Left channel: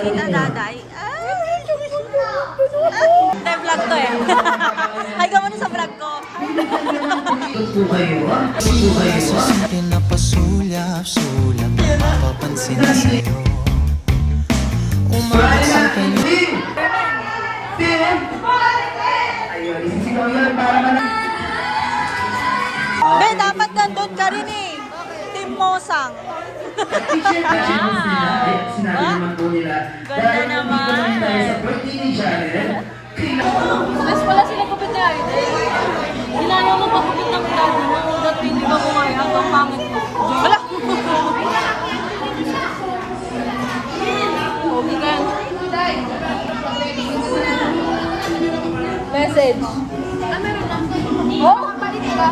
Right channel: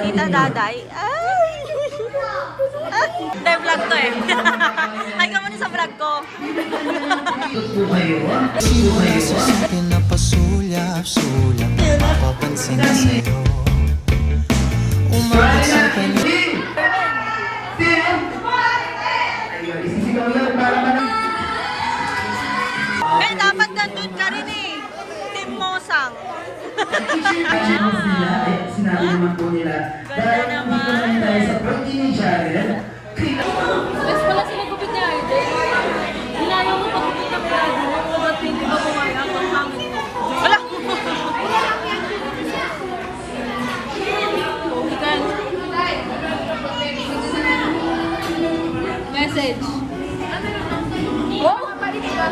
Tita Daday. Ay! Hindi, vlog to eh. Ay, ka muna sa vlog ko. Simula sa simple na pasulyap-sulyap, mapapansin sa'yo. Umabot sa paligid. May dapat nandun ka rin eh. Team Mosang. Sinabi naman po nila, dahil nandito naman tayo sa birthday ni Jared, Mas pala sila kupit ni Arden. Nilayaw mo pagkupit ng gado mo. Ba't hindi ba kumain hanggang pangit mo? Wala. Message. Oh, palit ka.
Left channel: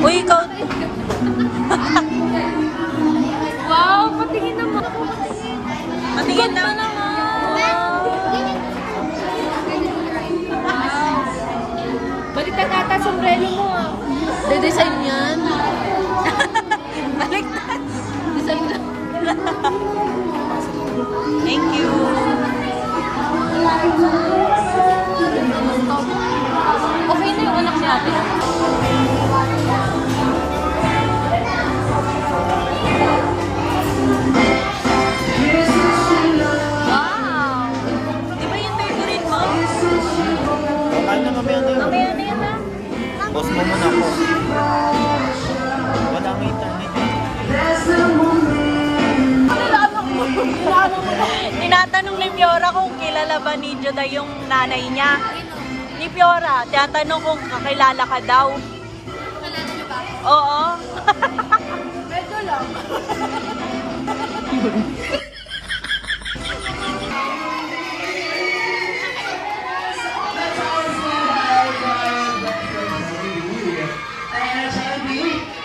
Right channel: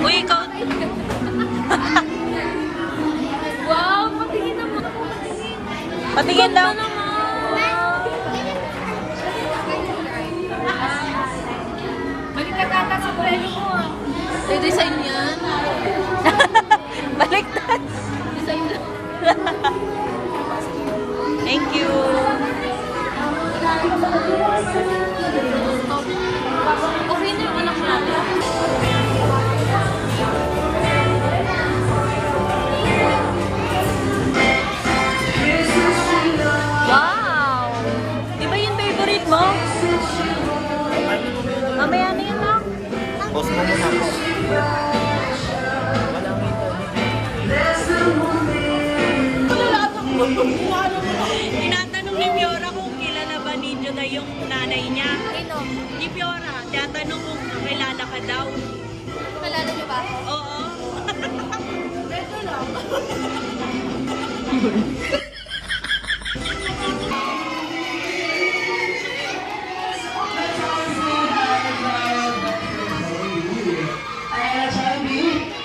Uy, ikaw. Wow, patingin naman. Patingin daw. Balik ka tata sa prelo mo. Design yan. Baliktad. Design na. Thank you. Okay na yung anak natin. Wow! Di ba yung favorite mo? Mamaya na yan ah. Boss mo muna po. Walang internet. Tinatanong ni Fiora kung kilala ba ni Juday yung nanay niya. Ni Fiora, tinatanong kung kakilala ka daw. Kalala niyo ba ako? Oo. Medyo lang.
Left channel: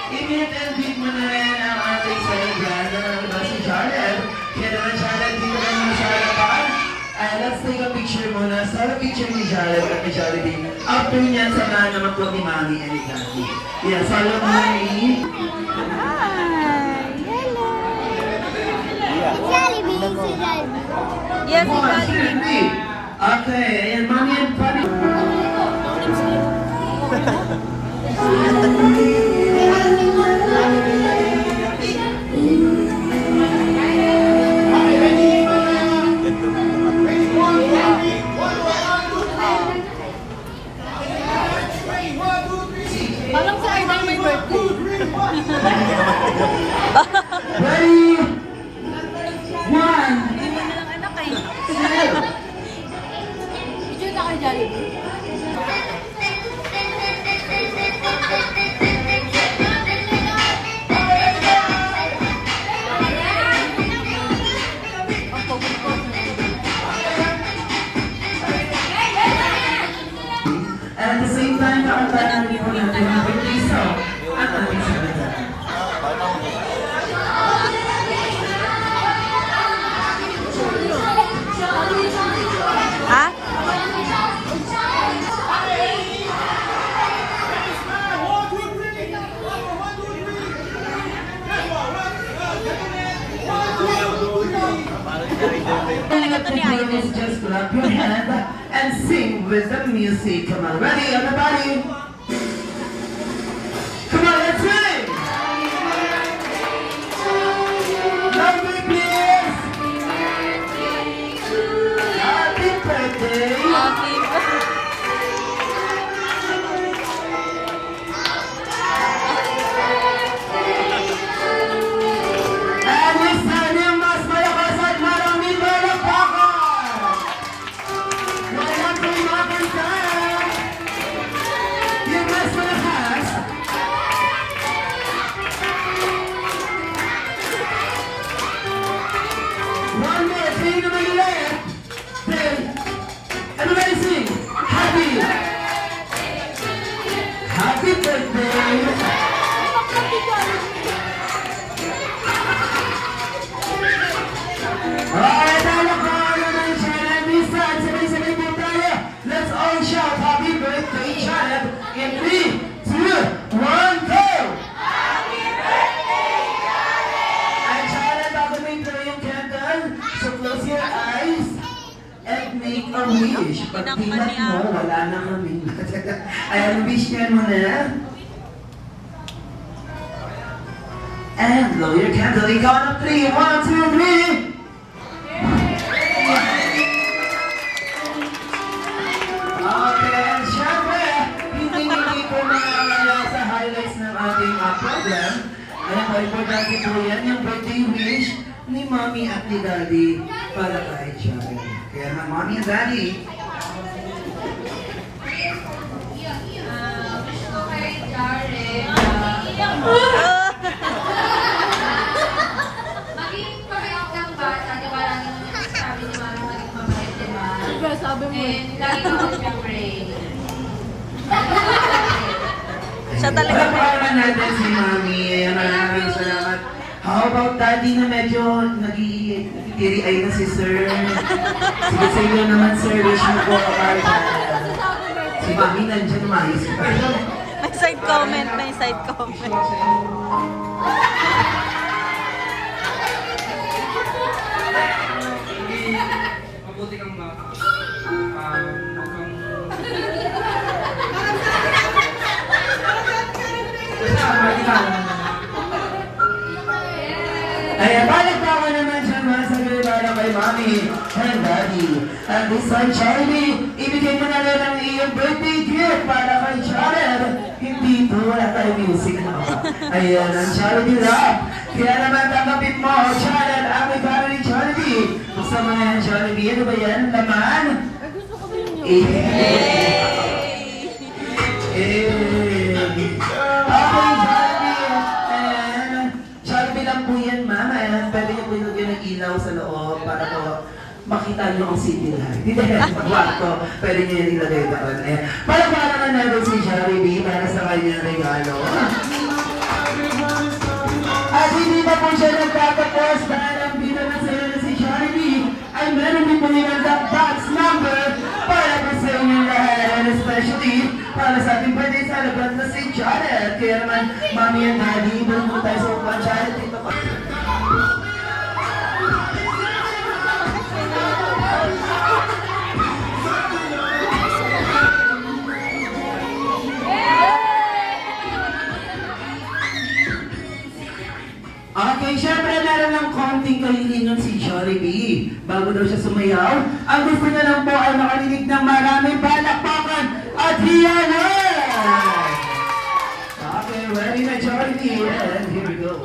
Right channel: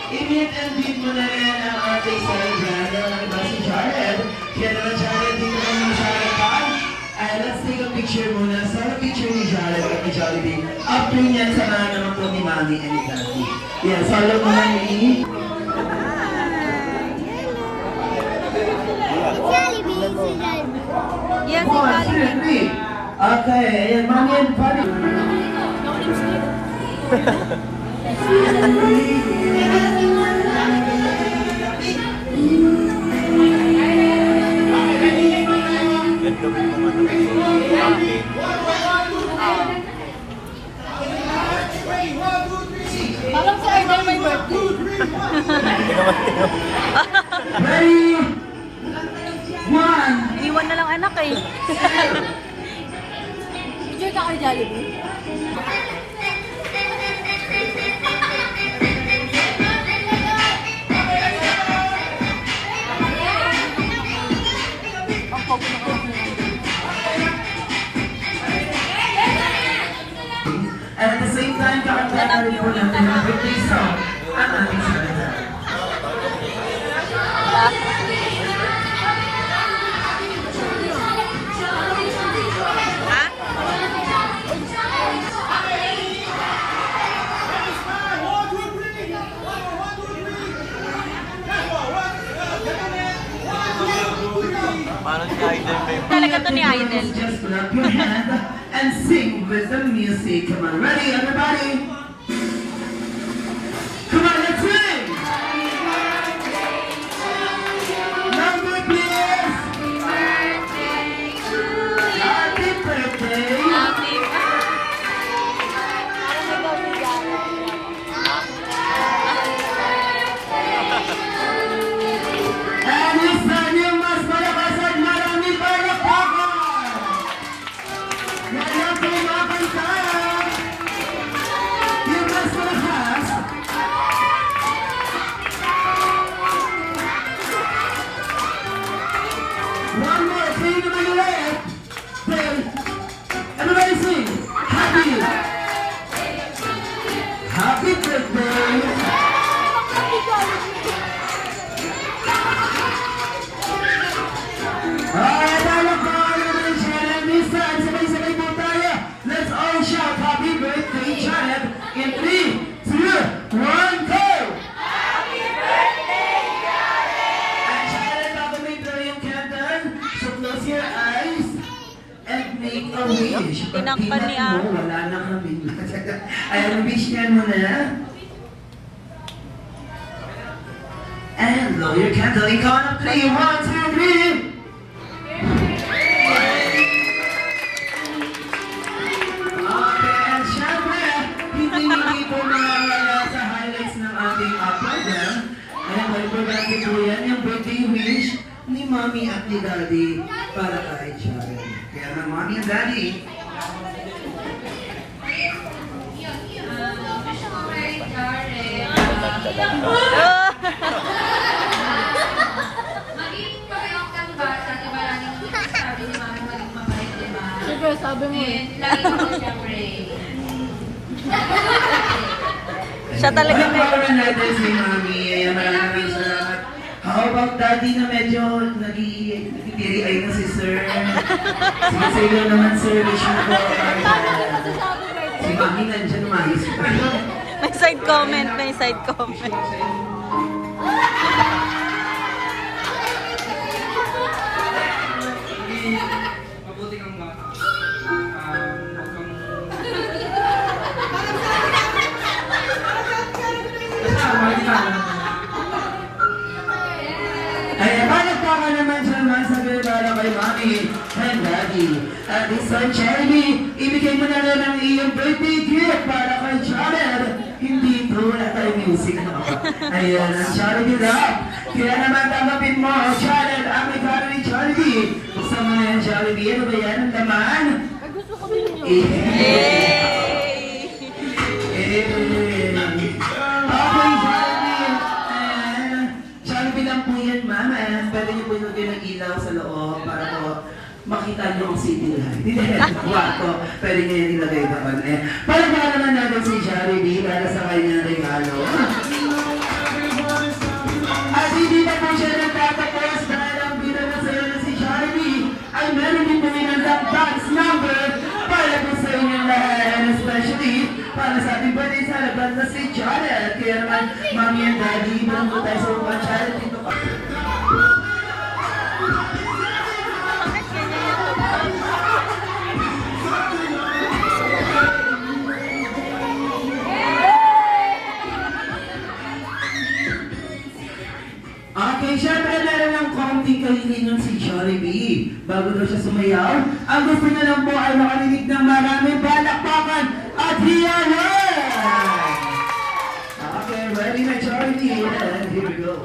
i-meet and beat mo na rin ang ating celebrant na si Jared. Kaya naman Jared, dito ka muna sa harapan. And let's take a picture muna. Start a picture ni Jared at ni Jollibee. After niyan, samahan naman po ni Mami and ni Daddy. Yan, follow mo na ni... Yes, One, two, Jollibee. three. Okay, ayan, Mami and Papi. Parang sa Arden may birthday. Ready? One. Iwan na lang anak eh. Enjoy ka kay Jollibee? And at the same time, kakantahan rin po natin ang birthday song at ating celebrant. Ha? Talaga to ni Aiden. Just clap your hand and sing with the music. Come on, ready everybody? Come on, let's sing! Number please! Happy birthday! Happy birthday. And this time yung mas malakas at marami palakpakan! Ngayon po mga kanta! Yung mas malakas! One more, sing naman ulit! Then, everybody sing! Happy! Happy birthday! Alright, palakpakan naman siya ng minsan. Sabay-sabay po tayo. Let's all shout happy birthday, Jared! In 3, 2, 1, go! Happy birthday, Jared! And Jared, bago mo yung close your eyes and make a wish. Pag Tinangkan ni tinat mo, wala na kami. Ayan, wish niyan mo na. And blow your candle. Ikaw na 3, 1, 2, 3. Okay, and syempre, hindi po mawawala sa highlights ng ating program. Ayan, importante po yan, yung birthday wish ni Mommy at ni Daddy para kay Charlie. Kaya ng Mommy and Daddy, Maging pagkakang ng bata, diba laging sabi ni Mami maging mabait, diba? Sige, sabi mo. And lagi naman niya pray. Siya talaga may... Pagkakulan natin si Mommy. Ayan, maraming salamat. How about Daddy na medyo nagtitiri-ay na si Sir? Sige sa iyo naman, Sir. Wish mo po para si Mommy nandiyan, mais. May side comment, may side comment. Mabuti kang bata. Huwag kang... Basta, mabuti ka lang. Ayan, palagpakan naman siya mga sagay para kay Mommy and Daddy. At this time, Charlie, ibigay mo na rin ang iyong birthday gift para kay Jared. Hindi po, wala tayong music na. Ayan, ang Charlie Love. Kaya naman tanggapin mo, Jared, ang may para ni Charlie. Buksan mo na yan, Charlie. Ano ba yan? Ang laman? Okay, Jollibee lang po yan, mama. Pwede niyo po ilagyan ng ilaw sa loob para po makita niyo ang city light. Hindi na sa kwarto. Pwede niyo yan ilagay doon. Ayan. Palagpakan naman natin si Jollibee para sa kanyang regalo. At hindi pa po siya nagtatapos dahil ang binanasaya na si Jollibee ay meron din po ng box number para po sa inyong lahat. And especially para sa ating birthday celebrant na si Janet. Kaya naman, Mommy and Daddy, doon mo tayo sa upuan. Janet, dito pa. Okay, syempre meron ng konting kahilingan si Jollibee. Bago daw siya sumayaw, ang gusto niya lang po ay makarinig ng maraming palakpakan at hiyawan! Okay, ready na Jollibee? And here we go.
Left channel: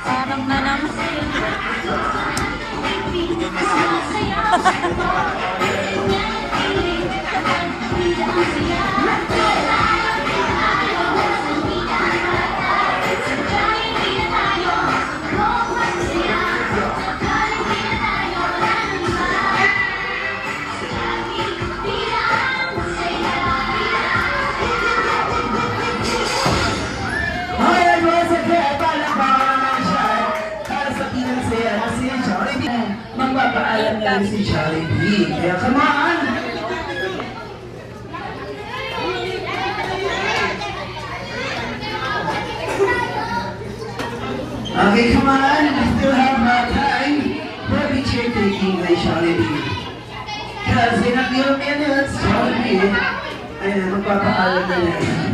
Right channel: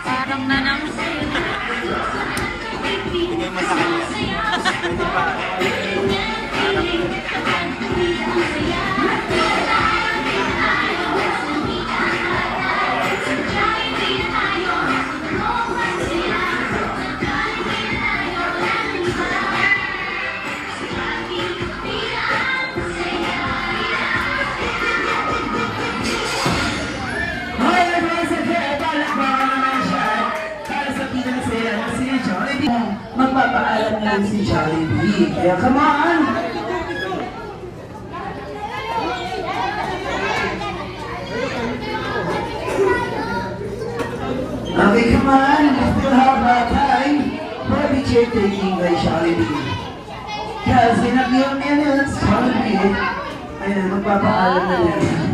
Parang na naman. Bigay mo sa kanya. Pwede ba? Alright, once again, palakpakan naman siya para sa pinasaya na si Jollibee. Magpapaalam na rin si Jollibee. Kaya come on! Okay, come on. We still have about time for picture taking by Jollibee. Because in a few minutes, Jollibee, ayun, magpapaalam na rin.